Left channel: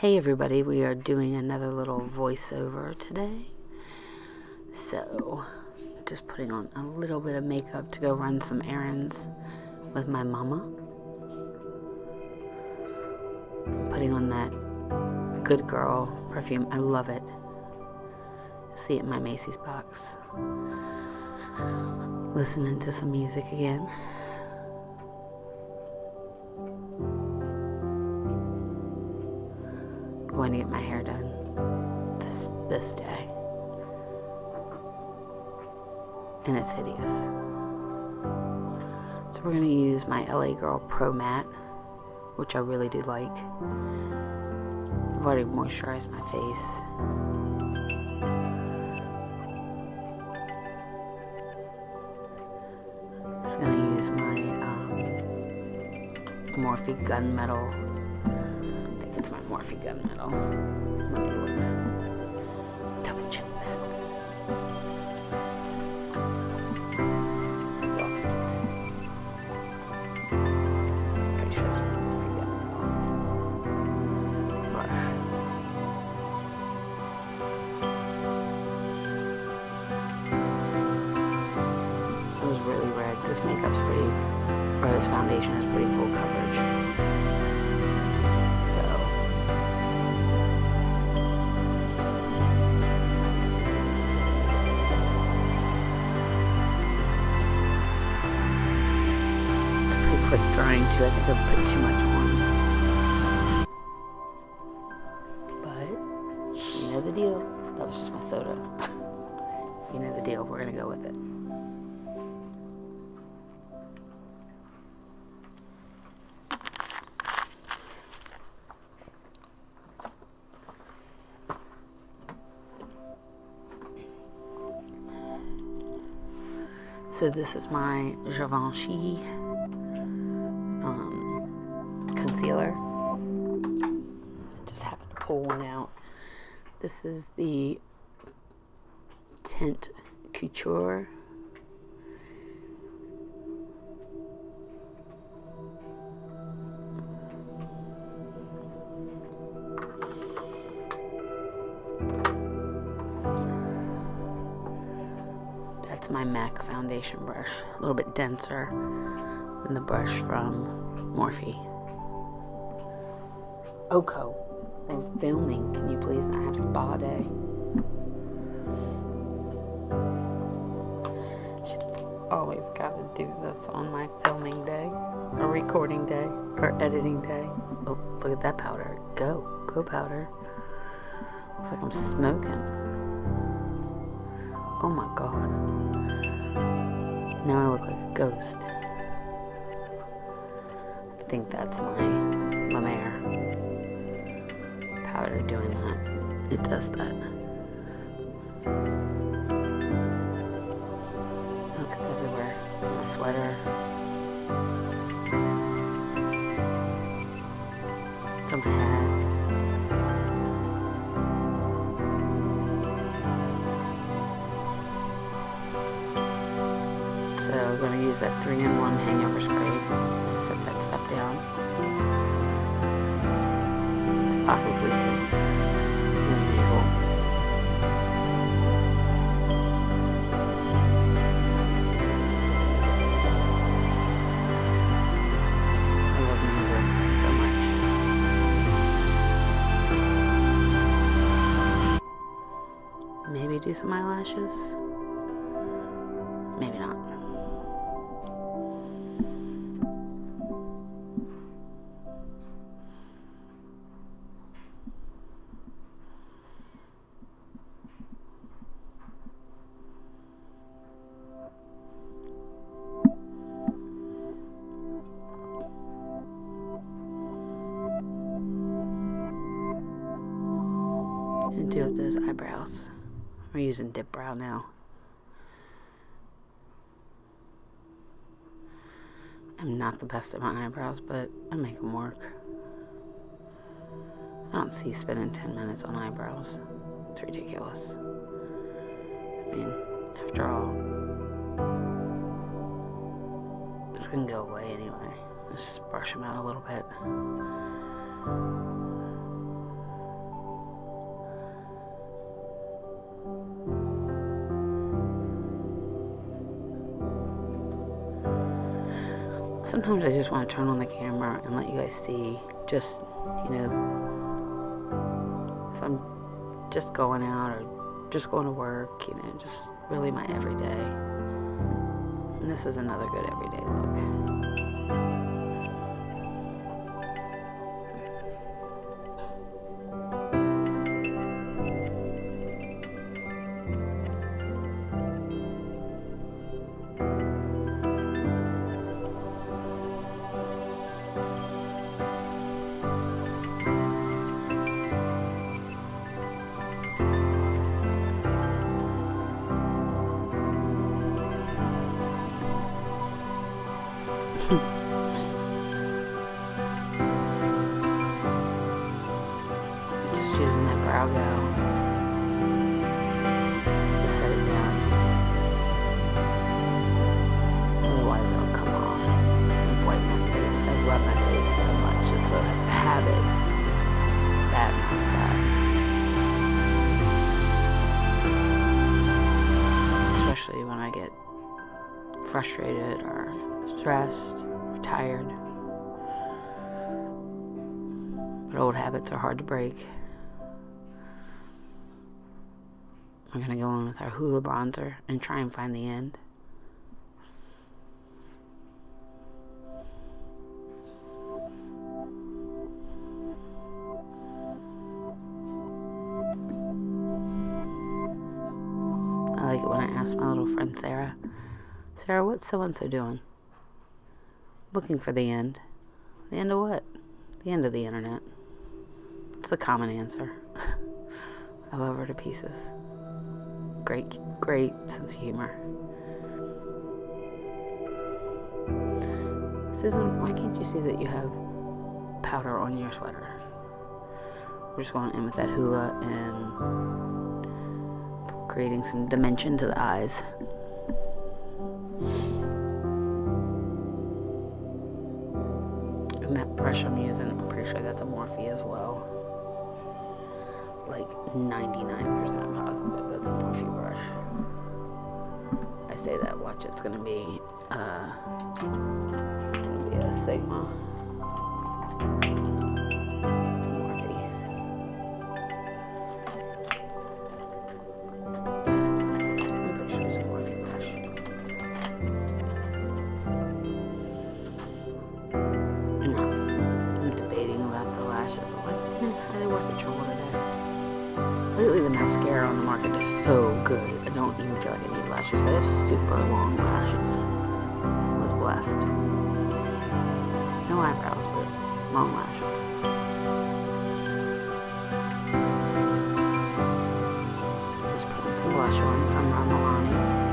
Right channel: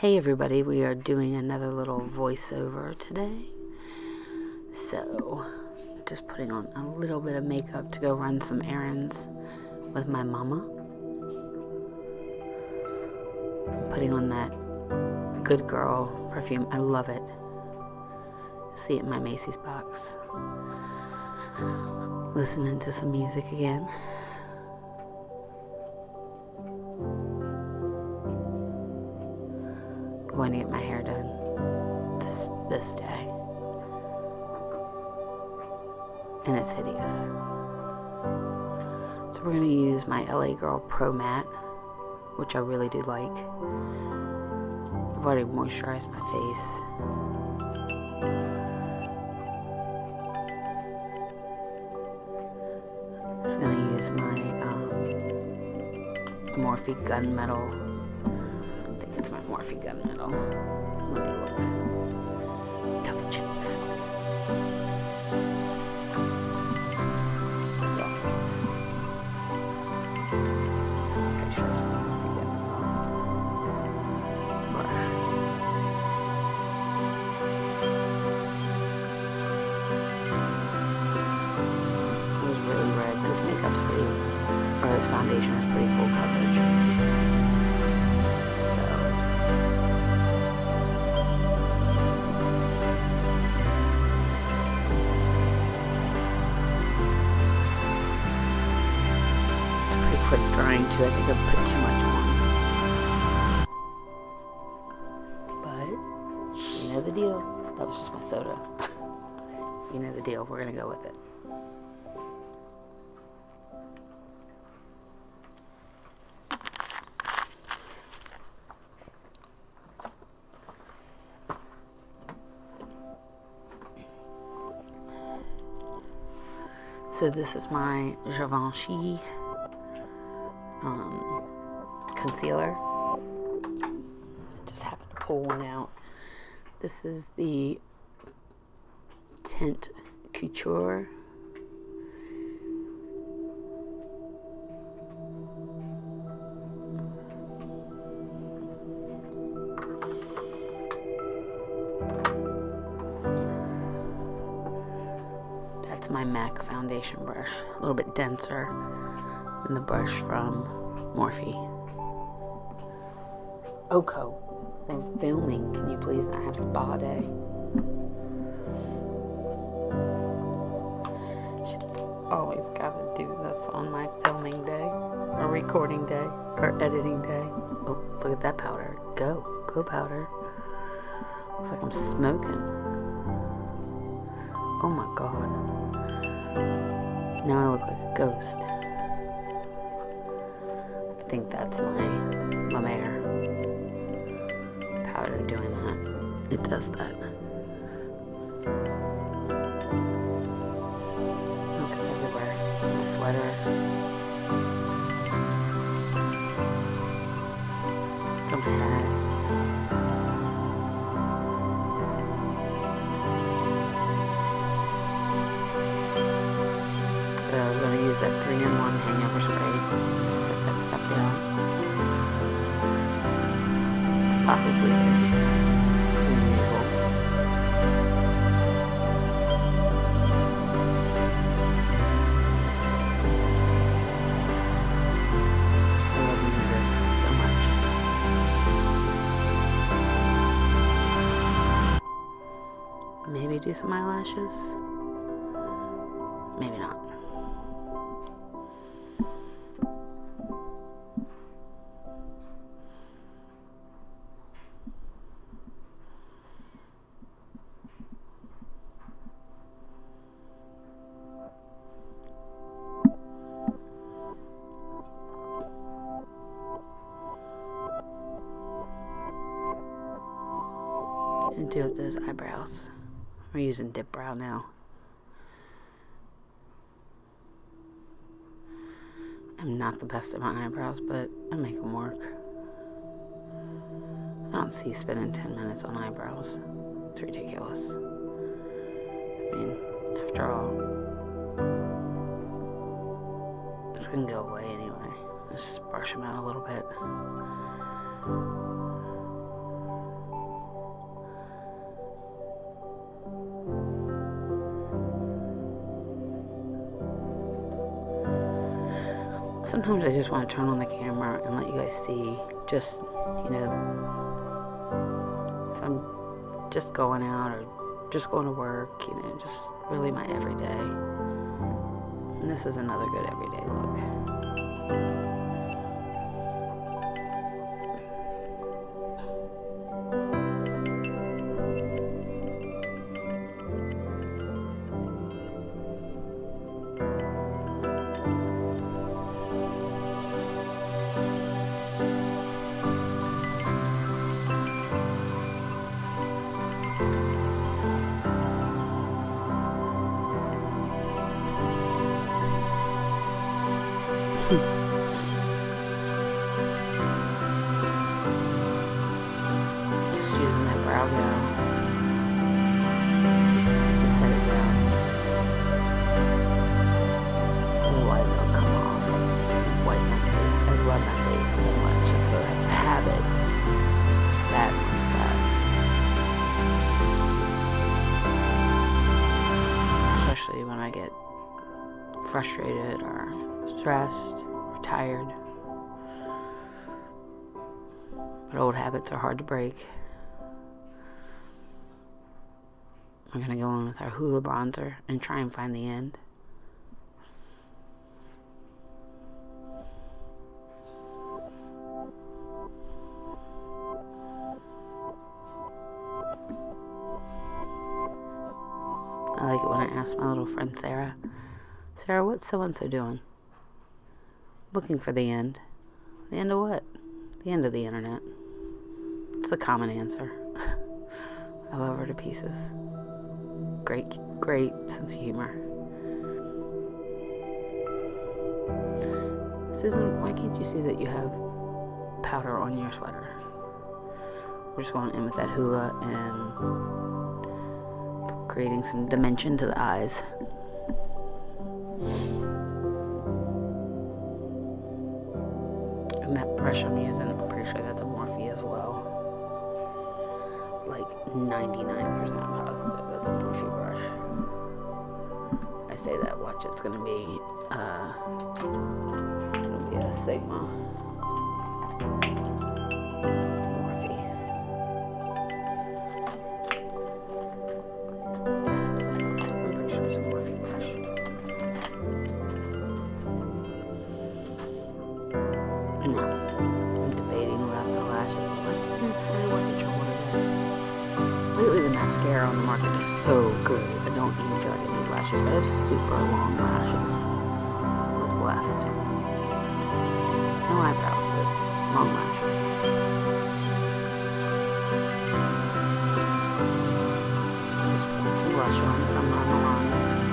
Hey everybody, we are doing another little voiceover today. So, just putting on a little bit of makeup to go run some errands with my mama. I'm putting on that Good Girl perfume. I love it. See it in my Macy's box. Listening to some music again. Going to get my hair done this day, and it's hideous. So we're going to use my LA Girl Pro Matte, which I really do like. I've already moisturized my face. Just going to use my Morphe Gunmetal. I think it's my Morphe Gunmetal. Let me look. Double check that. I've lost it. Pretty sure it's my Morphe Gunmetal brush. It was really red. This makeup's pretty, or this foundation is pretty full coverage. Pretty quick drying too. I think I've put too much on. But you know the deal. That was just my soda. You know the deal. We're gonna go with it. So this is my Givenchy concealer. Just happened to pull one out. This is the Tint Couture. That's my MAC foundation brush. A little bit denser than the brush from Morphe. Oko, we're filming. Can you please not have spa day? She's always got to do this on my filming day, or recording day, or editing day. Oh, look at that powder. Go powder. Looks like I'm smoking. Oh my god. Now I look like a ghost. I think that's my La Mer powder doing that. It does that. Look, it's everywhere. It's on my sweater. It's on my hat. So I'm going to use that 3-in-1 hangover spray. Set that stuff down. Bottle's leaking, as usual. I love music so much. Maybe do some eyelashes. Maybe not. And do up those eyebrows. We're using dip brow now. I'm not the best at my eyebrows, but I make them work. I don't see spending 10 minutes on eyebrows. It's ridiculous. I mean, after all, it's gonna go away anyway. Let's just brush them out a little bit. Sometimes I just want to turn on the camera and let you guys see just, you know, if I'm just going out or just going to work, you know, just really my everyday. And this is another good everyday look. Just using that brow gel to set it down. Otherwise it'll come off and whiten my face. I rub my face so much. It's a habit. Bad one, bad. Especially when I get frustrated or stressed or tired. But old habits are hard to break. We're going to go in with our Hoola bronzer and try and find the end. I like it when I ask my little friend Sarah, Sarah, what's so-and-so doing? Looking for the end. The end of what? The end of the internet. It's a common answer. I love her to pieces. Great sense of humor. Susan, why can't you see that you have powder on your sweater? We're just going in with that Hoola and creating some dimension to the eyes. And that brush I'm using, I'm pretty sure that's a Morphe as well. Like 99% positive that's a Morphe brush. I say that, watch, it's gonna be a Sigma. It's Morphe. I'm pretty sure it's a Morphe brush. No, I'm debating about the lashes. I'm like, are they worth the trouble today? Lately the mascara on the market is so good. I don't even feel like I need lashes, but I have super long lashes. I was blessed. No eyebrows, but long lashes. Just putting some blush on from Ron Milani.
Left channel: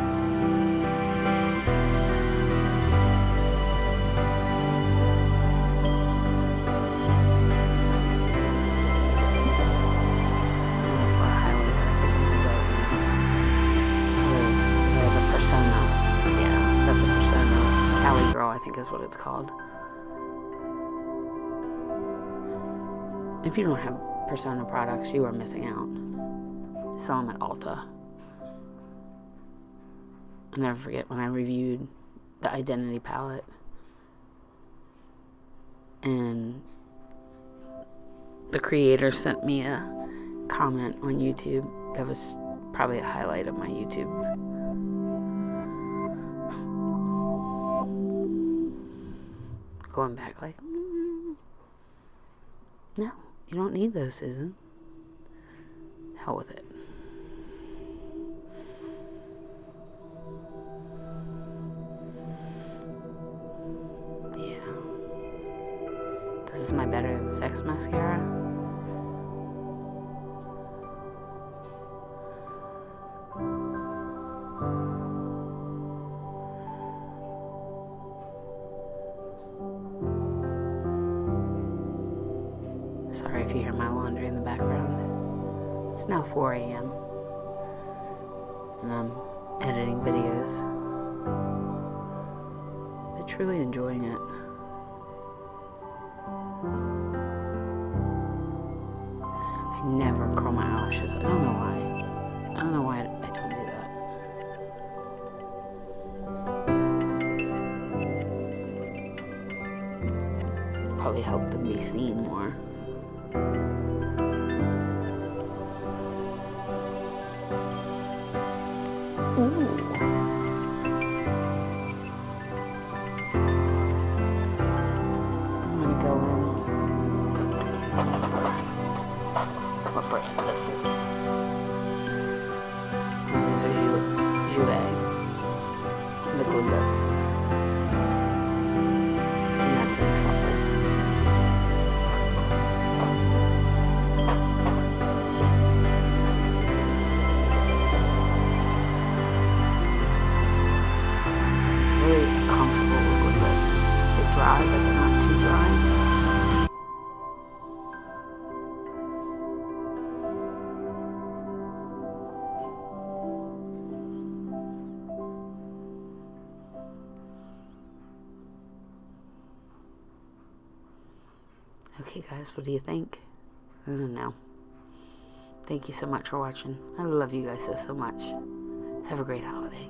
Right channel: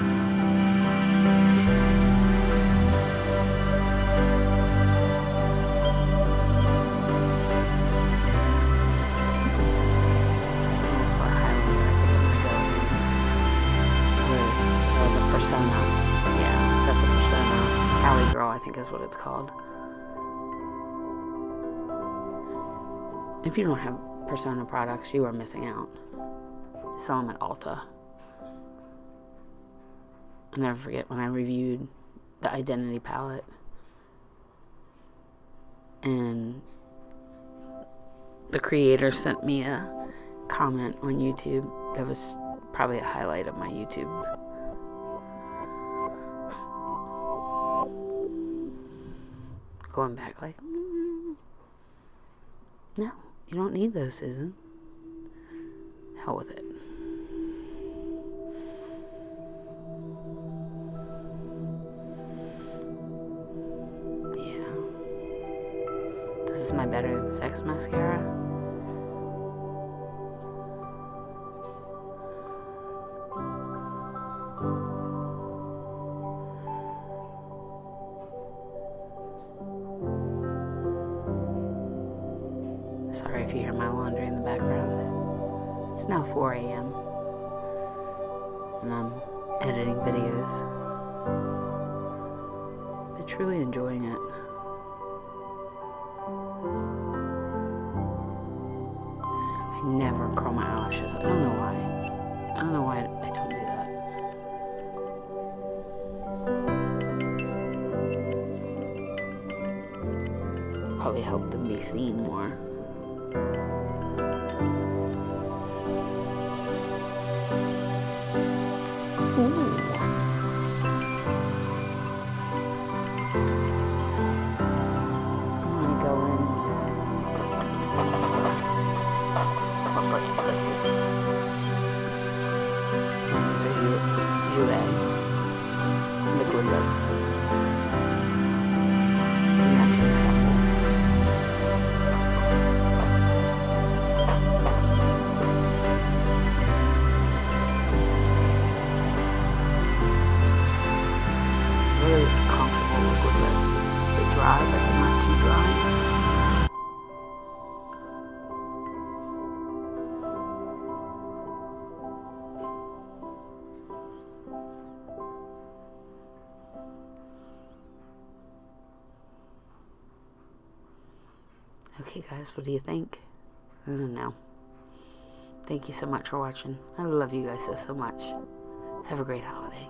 Persona. Yeah, that's a Persona. Cali Girl, I think is what it's called. If you don't have Persona products, you are missing out. They sell them at Ulta. I'll never forget when I reviewed the Identity palette. And the creator sent me a comment on YouTube that was probably a highlight of my YouTube. Going back like, no, you don't need those, Susan. Hell with it. Yeah. This is my Better Than Sex mascara. Sorry if you hear my laundry in the background. It's now 4 a.m. and I'm editing videos, but truly enjoying it. I never curl my eyelashes. I don't know why. I don't know why I don't do that. help them be seen more. Ooh. I'm gonna go in. What brand this is? These are Jouer liquid lips. And that's in truffle. Really comfortable liquid lip. They're dry, but they're not too dry. Okay guys, what do you think? I don't know. Thank you so much for watching. I love you guys so much. Have a great holiday.